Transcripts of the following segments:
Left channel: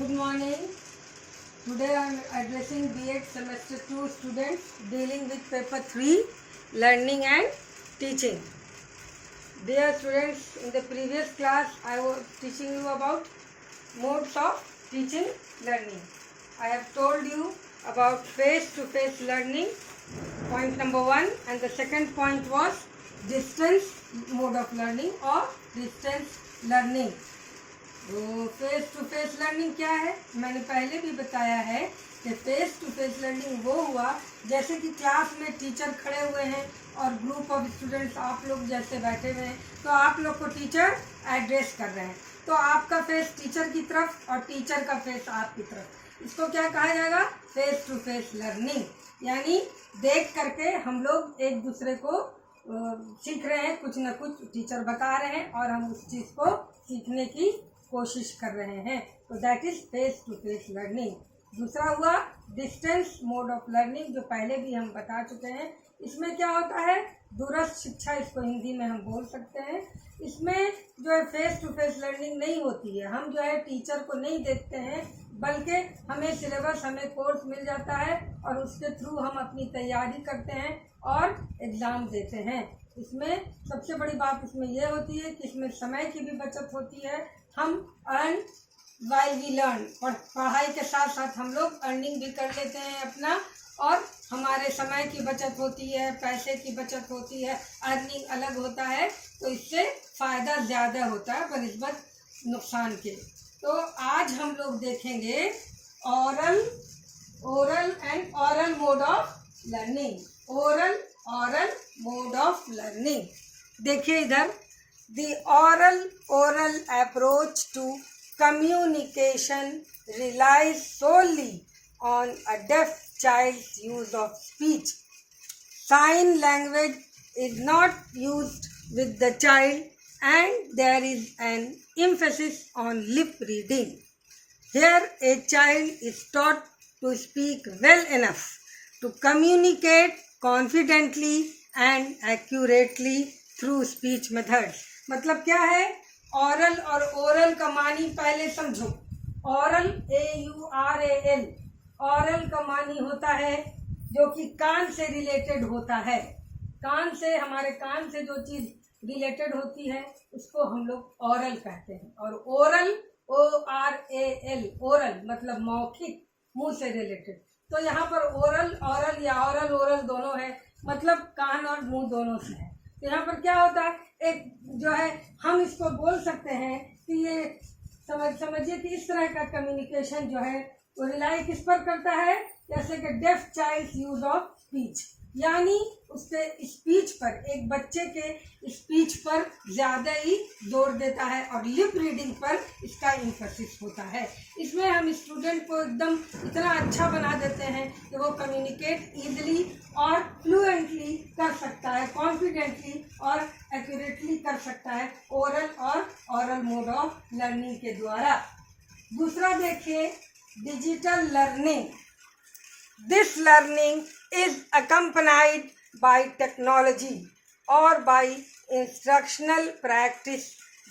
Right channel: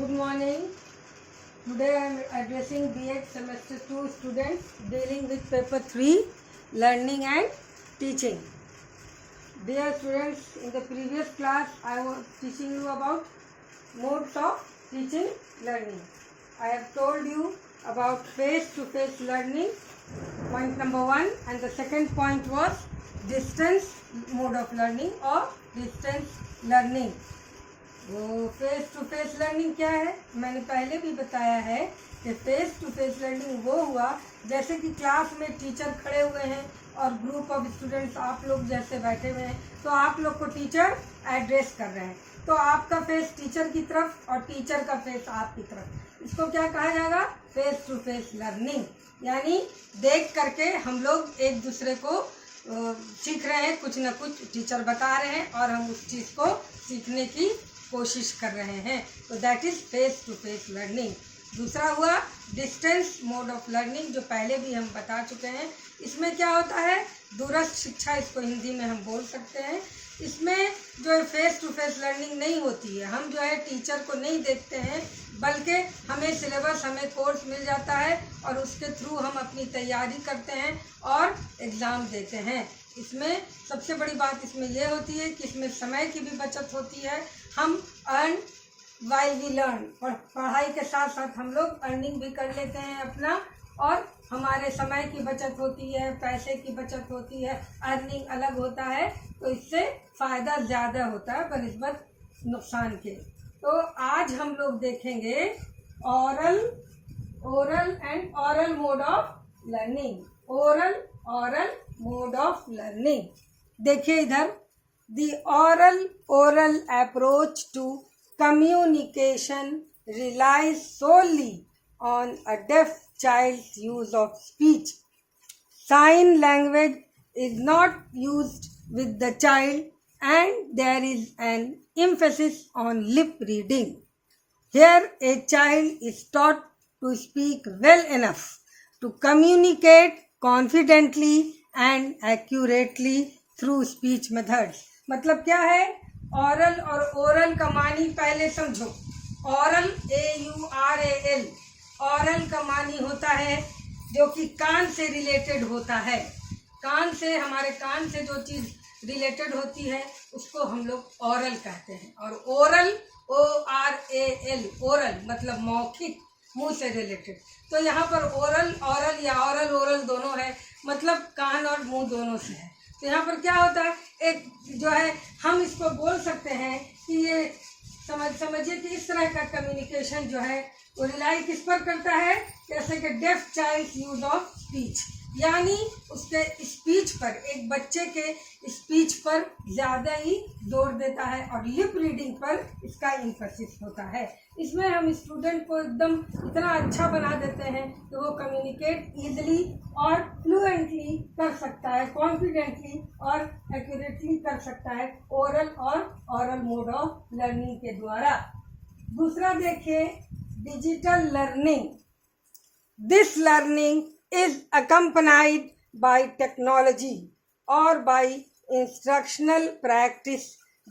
Good morning. Today I am addressing B.Ed Semester 2 students dealing with paper 3, learning and teaching. Dear students, in the previous class I was teaching you about modes of teaching learning. I have told you about face-to-face learning, point number 1, and the second point was distance mode of learning or distance learning. तो face to face learning क्या है? मैंने पहले भी बताया है कि face to face learning वो हुआ जैसे कि क्लास में टीचर खड़े हुए हैं और ग्रुप ऑफ स्टूडेंट्स आप लोग जैसे बैठे हुए हैं, तो आप लोग को टीचर एड्रेस कर रहे हैं, तो आपका फेस टीचर की तरफ और टीचर का फेस आपकी तरफ, इसको क्या कहा जाएगा? Face to face learning. यानी देख करके हम लोग एक दूसरे को सीख रहे हैं, कुछ न कुछ टीचर बता रहे हैं और हम उस चीज़ को सीखने की कोशिश कर रहे हैं, तो that is face to face learning. दूसरा हुआ डिस्टेंस मोड ऑफ लर्निंग, जो पहले भी हम बता चुके हैं। इसमें क्या होता है? दूरस्थ शिक्षा, इसको हिंदी में हम बोल सकते हैं। इसमें जो है फेस टू फेस लर्निंग नहीं होती है, हम जो है टीचर को नहीं देखते हैं, बल्कि हमें सिलेबस, हमें कोर्स मिल जाता है और उसके थ्रू हम अपनी तैयारी करते हैं और एग्ज़ाम देते हैं। इसमें सबसे बड़ी बात इसमें यह होती है कि इसमें समय की भी बचत होती है। हम अर्न वाइल वी लर्न, और पढ़ाई के साथ साथ हम लोग अर्निंग भी कर लेते हैं अपना, और हमारे समय की बचत होती है, पैसे की बचत होती है, अर्निंग अलग होता है, तो इससे फ़ायदा ज़्यादा होता है बनिस्बत नुकसान के। तो आज हम लोग देखेंगे oral and aural mode of learning. Oral mode of learning. देखिए इधर, the oral approach to communication relies solely on a deaf child's use of speech. Sign language is not used with the child and there is an emphasis on lip reading. Here a child is taught to speak well enough to communicate confidently and accurately through speech methods. मतलब क्या है? ऑरल और oral का मानी पहले समझो। ऑरल AURAL, ऑरल का मानी होता है जो कि कान से रिलेटेड होता है। कान से, हमारे कान से जो चीज़ रिलेटेड होती है उसको हम लोग ऑरल कहते हैं। और ओरल ORAL, ओरल मतलब मौखिक, मुंह से रिलेटेड। तो यहाँ पर ओरल ऑरल या ऑरल ओरल दोनों है, मतलब कान और मुंह दोनों से है। तो यहाँ पर क्या होता है, एक जो है हम इसको बोल सकते हैं कि ये समझिए कि इस तरह का कम्युनिकेशन जो है वो रिलाई किस पर करता है? जैसे कि deaf child use of speech, यानी उसके स्पीच पर, एक बच्चे के स्पीच पर ज़्यादा ही जोर देता है, और लिप रीडिंग पर इसका इम्फेसिस होता है। इसमें हम स्टूडेंट को एकदम इतना अच्छा बना देते हैं कि वो कम्युनिकेट ईजिली और फ्लुएंटली कर सकता है, कॉन्फिडेंटली और एक्यूरेटली कर सकता है ओरल और ऑरल मोड ऑफ लर्निंग के द्वारा। दूसरा देखिए, digital learning. This learning is accompanied by technology or by instructional practice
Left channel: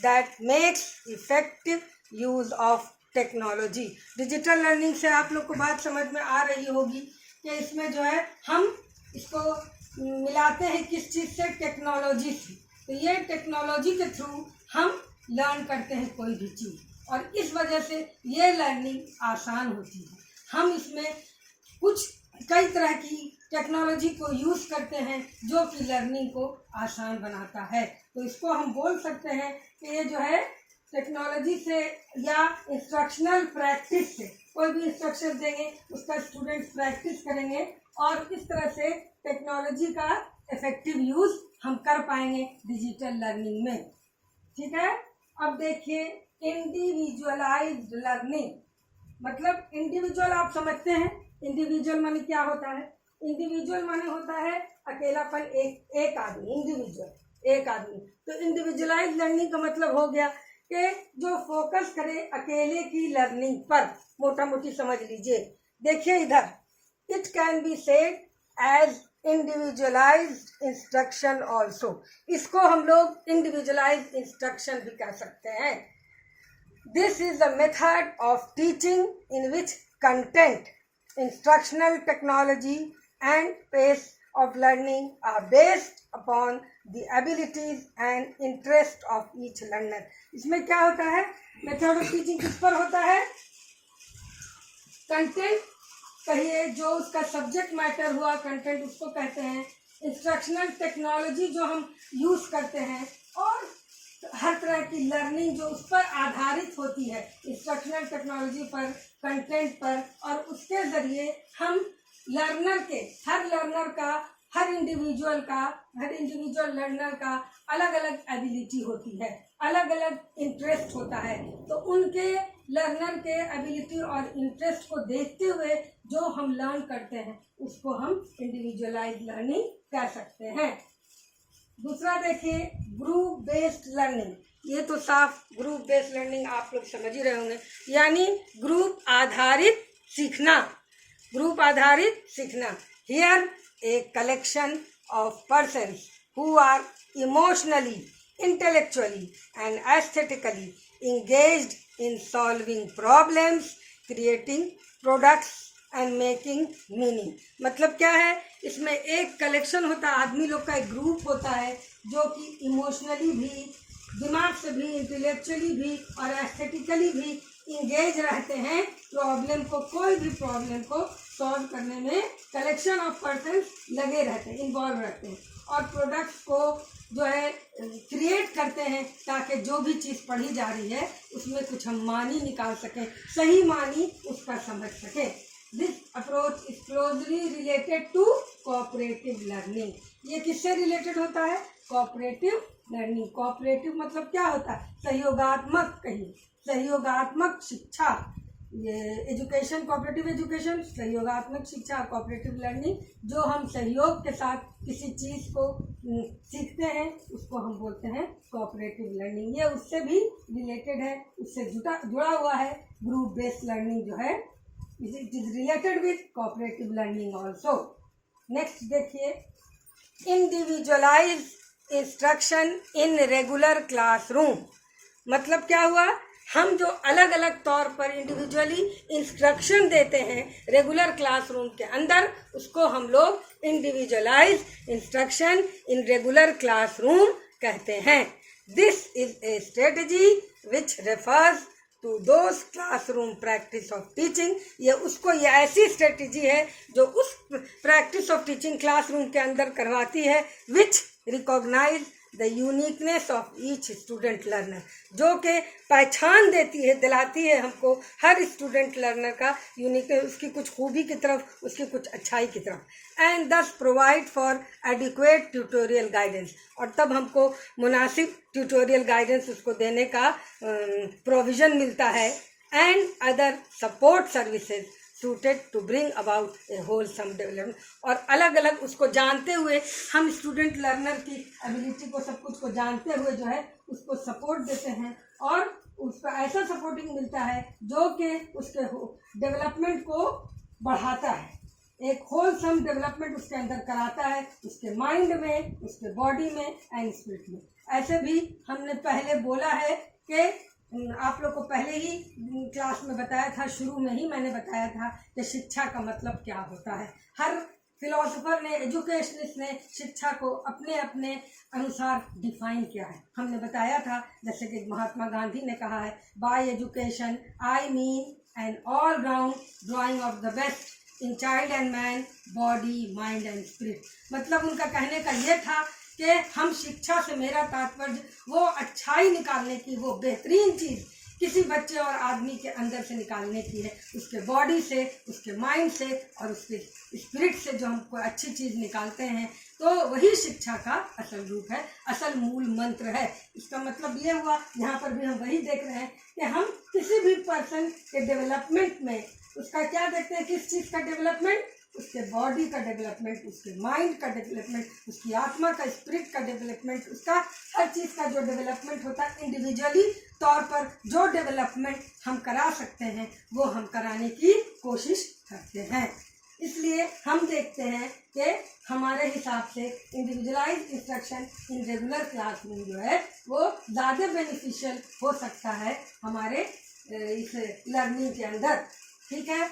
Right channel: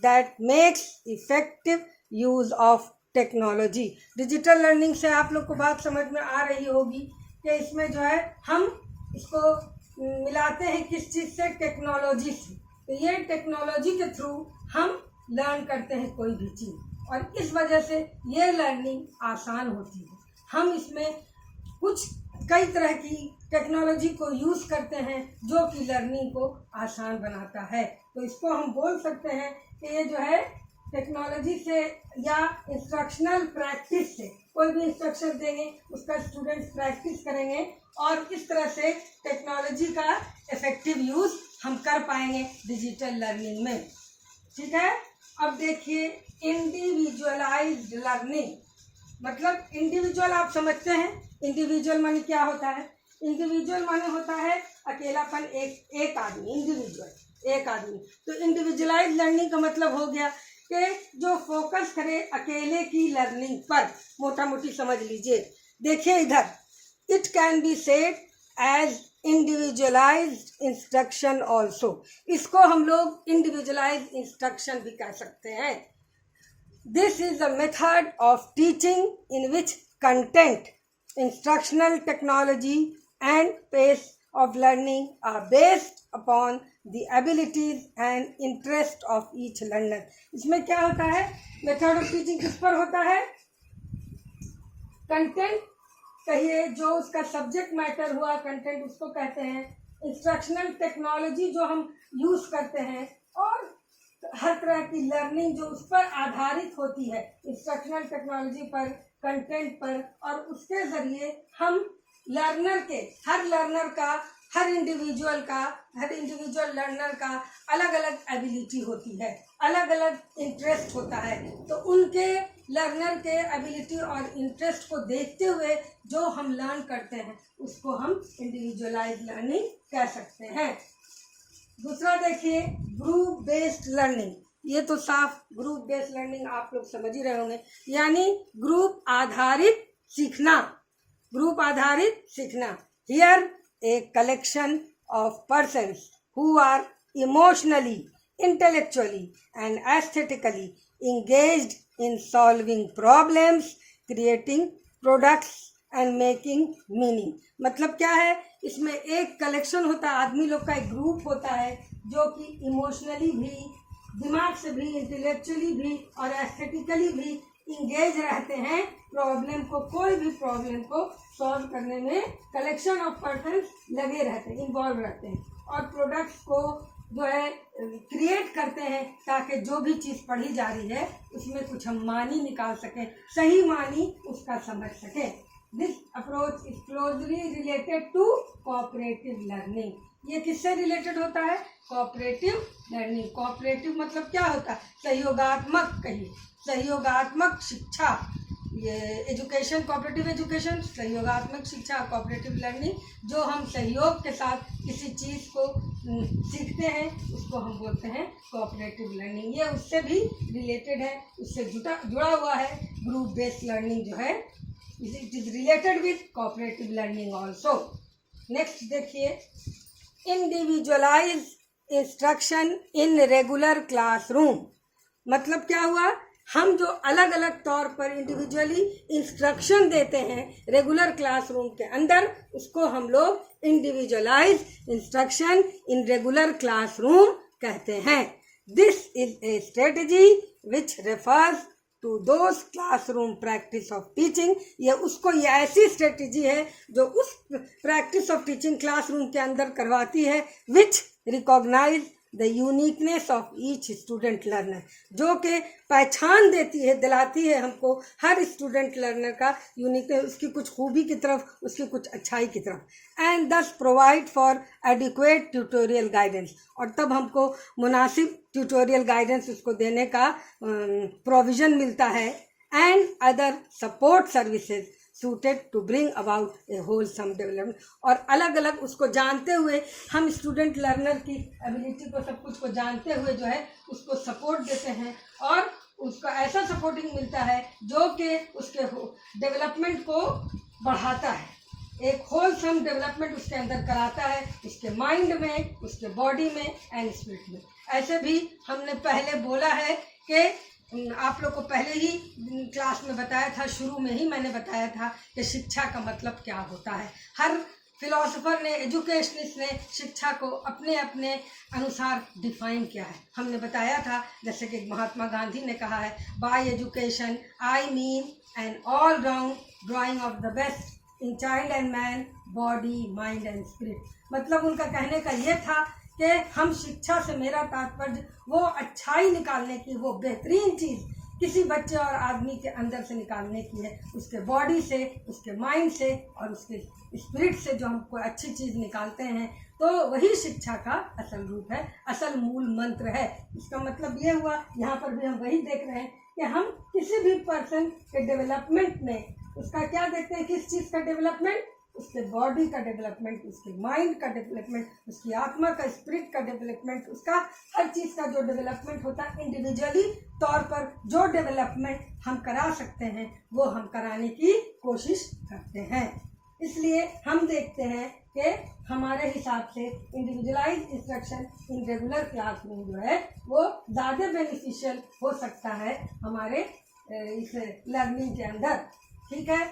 that makes effective use of technology. Digital learning से आप लोग को बात समझ में आ रही होगी कि इसमें जो है हम इसको मिलाते हैं किस चीज़ से? टेक्नोलॉजी से। तो ये टेक्नोलॉजी के थ्रू हम लर्न करते हैं कोई भी चीज़, और इस वजह से ये लर्निंग आसान होती है। हम इसमें कई तरह की टेक्नोलॉजी को यूज़ करते हैं जो कि लर्निंग को आसान बनाता है। तो इसको हम बोल सकते हैं कि ये जो है टेक्नोलॉजी से या इंस्ट्रक्शनल प्रैक्टिस से, कोई भी इंस्ट्रक्शन देंगे उसका स्टूडेंट्स प्रैक्टिस करेंगे और इस तरह से टेक्नोलॉजी का इफेक्टिव यूज़ हम कर पाएंगे डिजिटल लर्निंग में। ठीक है। अब देखिए, इंडिविजुअलाइज्ड लर्निंग। मतलब इंडिविजुअल आप समझते हैं, इंडिविजुअल माने क्या होता है? इंडिविजुअल माने होता है अकेलापन, एक आदमी, इंडिविजुअल एक आदमी। तो इंडिविजुअलाइज लर्निंग का मतलब हो गया कि जो फोकस करे अकेले की लर्निंग पर, मोटा मोटी समझ लीजिए। देखिए इधर, it can be said as individualised instruction also. इसको हम लोग इंडिविजुअलाइज्ड इंस्ट्रक्शन भी कह सकते हैं। This is the method of teaching in which content, instructional technology and pace of learning are based upon the abilities and interest of each learner. इसमें क्या होता है? मेथड ऑफ टीचिंग किस पर होता है? कंटेंट कहिए, जो उसका सब्जेक्ट मैटर हुआ कंटेंट उसको कहते हैं। इंस्ट्रक्शनल टेक्नोलॉजी जो हम यूज़ करते हैं, और हर तरह की लर्निंग जो उस पर आधारित होती है, इंस्ट्रक्शनल टेक्नोलॉजी पर, कंटेंट पर, और उसके ज़रिए हम लर्नर के, हर लर्नर का, हर इंडिविजुअल लर्नर का अलग अलग एबिलिटी होती है, अलग अलग इंटरेस्ट होता है। तो उनके लर्नर के एबिलिटी और इंटरेस्ट को देखते हुए जो हम लर्न करते हैं उसको हम इंडिविजुअलाइज लर्निंग कह सकते हैं। दूसरा देखिए, ग्रुप बेस्ड लर्निंग। ये तो साफ ग्रुप बेस्ड लर्निंग आप लोग समझ ही रहे होंगे, यानी ग्रुप आधारित सीखना। ग्रुप आधारित सीखना। Here a collection of persons who are emotionally, intellectually and aesthetically engaged in solving problems, creating products and making meaning। मतलब क्या है? इसमें एक कलेक्शन होता है, आदमी लोग का एक ग्रुप होता है जो कि इमोशनली भी, दिमाग से भी, इंटेलेक्चुअली भी और एस्थेटिकली भी इंगेज रहते हैं प्रॉब्लम को, कोई भी प्रॉब्लम को सॉल्व करने में कलेक्शन ऑफ पर्सन्स लगे रहते हैं, इन्वॉल्व रहते हैं, और प्रोडक्ट्स को जो है क्रिएट करते हैं ताकि जो भी चीज़ पढ़ी जा रही है उसमें कुछ हम मानी निकाल सकें, सही मानी उसका समझ सकें। This approach is closely related to cooperative learning. ये किससे रिलेटेड होता है? Cooperative learning. कोऑपरेटिव मतलब क्या होता है? सहयोगात्मक, कहिए सहयोगात्मक शिक्षा। ये एजुकेशन, कोऑपरेटिव एजुकेशन, सहयोगात्मक शिक्षा, कोऑपरेटिव लर्निंग, जो हम सहयोग के साथ किसी चीज़ को सीखते हैं उसको हम बोलते हैं कोऑपरेटिव लर्निंग। ये उससे भी रिलेटेड है, उससे जुड़ा हुआ है। ग्रुप बेस्ड लर्निंग जो है it is related with cooperative learning also. Next देखिए, individualize instruction in regular classroom. मतलब क्या हुआ? हम जो अलग अलग तौर पर इंडिविजुअली इंस्ट्रक्शन देते हैं रेगुलर क्लासरूम के अंदर, उसको हम लोग individualise instruction in regular classroom कहते हैं। This is a strategy which refers to those classroom practice of teaching. ये ऐसी स्ट्रेटजी है जो उस प्रैक्टिस ऑफ टीचिंग क्लासरूम के अंदर करवाती है, which recognize the uniqueness of each student learner, जो कि पहचान देती है, दिलाती है हमको हर स्टूडेंट लर्नर का यूनिकनेस, उसकी कुछ खूबी की तरफ, उसकी कुछ अच्छाई की तरफ, एंड दस provide for adequate tutorial guidance. और तब हमको मुनासिब ट्यूटोरियल गाइडेंस उसको देने का प्रोविज़न मिलता है, and other support services suited to bring about a wholesome development. और अलग अलग उसको जानते हुए हम स्टूडेंट लर्नर की एबिलिटी को, सब कुछ को जानते हुए जो है उसको सपोर्ट देते हैं, और उसको ऐसा सपोर्टिंग मिलता है जो कि उसके डेवलपमेंट को बढ़ाता है, एक होलसम डेवलपमेंट उसके अंदर कराता है, उसके माइंड में, उसके बॉडी में एंड स्पिरिट में। ऐसे भी हमने पहले बोला है कि आप लोग को पहले ही क्लास में बताया था, शुरू में ही मैंने बताया था कि शिक्षा का मतलब क्या होता है। हर फिलोसोफर ने, एजुकेशनिस्ट ने शिक्षा को अपने अपने अनुसार डिफाइन किया है। हमने बताया था, जैसे कि महात्मा गांधी ने कहा है, by education I mean an all round drawing of the best in child and man, body, mind and spirit. मतलब उनका कहने का ये था कि हम शिक्षा से, मेरा तात्पर्य वो अच्छाई निकालने की, वो बेहतरीन चीज़ किसी बच्चे और आदमी के अंदर से निकालने की है, उसके बॉडी से, उसके माइंड से और उसके स्पिरिट से जो हम कोई अच्छी चीज़ निकालते हैं, तो वही शिक्षा का असल रूप है, असल मूल मंत्र है। इसका मतलब ये हुआ, यहाँ पर भी हम वही देख रहे हैं कि हम किसी भी पर्सन के डेवलपमेंट में उसका क्या देखते हैं, किस चीज़ का डेवलपमेंट, उसके बॉडी का डेवलपमेंट, उसके माइंड का डेवलपमेंट, उसकी आत्मा का, स्पिरिट का डेवलपमेंट, उसका हर चीज़ का जो डेवलपमेंट होता है, इंडिविजुअली तौर पर जो डेवलपमेंट हम करा सकते हैं वो हम कराने की कोशिश करते हैं। इसलिए हम देखते हैं कि हमारे हिसाब से individualise instruction in regular classroom जो है वो ज़्यादा बेनिफिशियल हो सकता है हमारे इस लर्निंग के अंदर। ठीक है,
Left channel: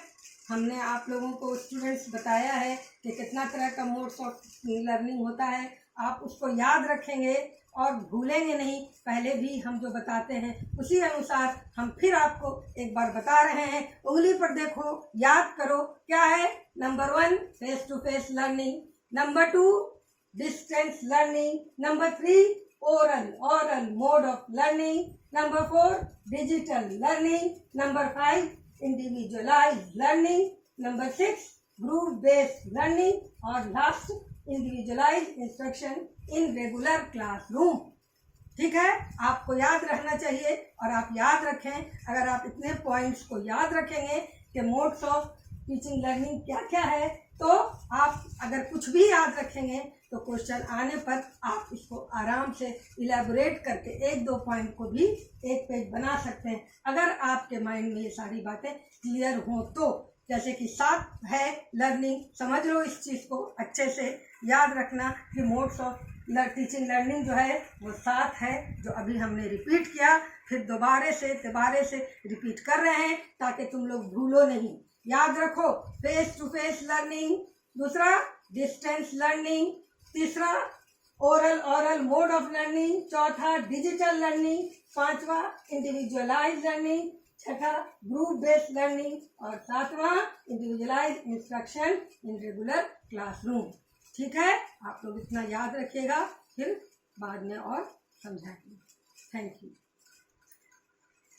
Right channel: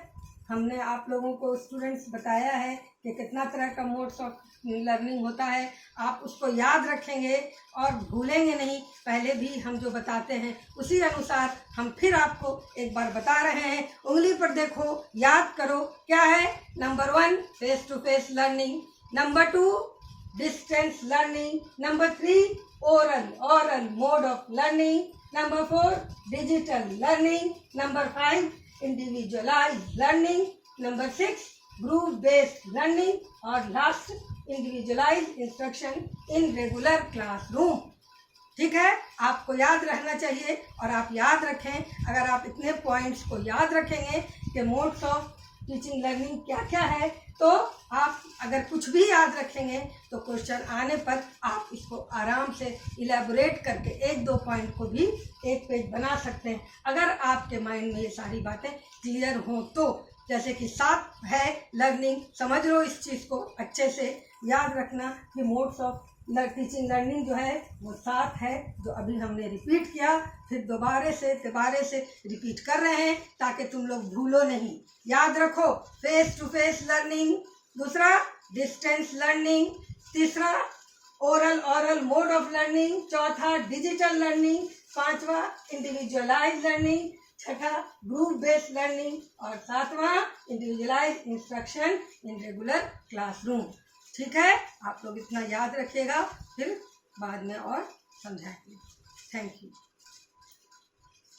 हमने आप लोगों को स्टूडेंट्स बताया है कि कितना तरह का मोड्स ऑफ लर्निंग होता है। आप उसको याद रखेंगे और भूलेंगे नहीं। पहले भी हम जो बताते हैं उसी अनुसार हम फिर आपको एक बार बता रहे हैं। उंगली पर देखो, याद करो क्या है। Number 1 face to face learning, number 2 distance learning, number 3 oral mode of learning, number 4 digital learning, number 5 individualized learning, number 6 group based learning और last individualized instruction in regular classroom. ठीक है, आपको याद रहना चाहिए और आप याद रखें। अगर आप इतने पॉइंट्स को याद रखेंगे कि मोड्स ऑफ टीचिंग लर्निंग क्या क्या है, तो आप अगर कुछ भी याद रखेंगे तो क्वेश्चन आने पर आप इसको आराम से इलेबोरेट करके 1-2 पॉइंट को भी एक पेज बना सकते हैं, अगर आपके माइंड में ये सारी बातें क्लियर हों तो। जैसे कि 7 है लर्निंग, समझ लो इस चीज़ को अच्छे से याद रखना कि मोड्स ऑफ टीचिंग लर्निंग जो है वो 7 है, जो अभी हमने रिपीट किया। फिर दोबारा से रिपीट कर रहे हैं ताकि तुम लोग भूलो नहीं। याद रखो, फेस टू फेस लर्निंग, दूसरा डिस्टेंस लर्निंग, तीसरा ओरल मोड ऑफ लर्निंग, चौथा डिजिटल लर्निंग, पांचवा इंडिविजुअलाइज लर्निंग, छठा ग्रुप बेस्ड लर्निंग और सातवां individualise instruction in regular classroom. ठीक है, आप लोग इतना याद रखिएगा, फिर बाद में और समझाएंगे। Thank you.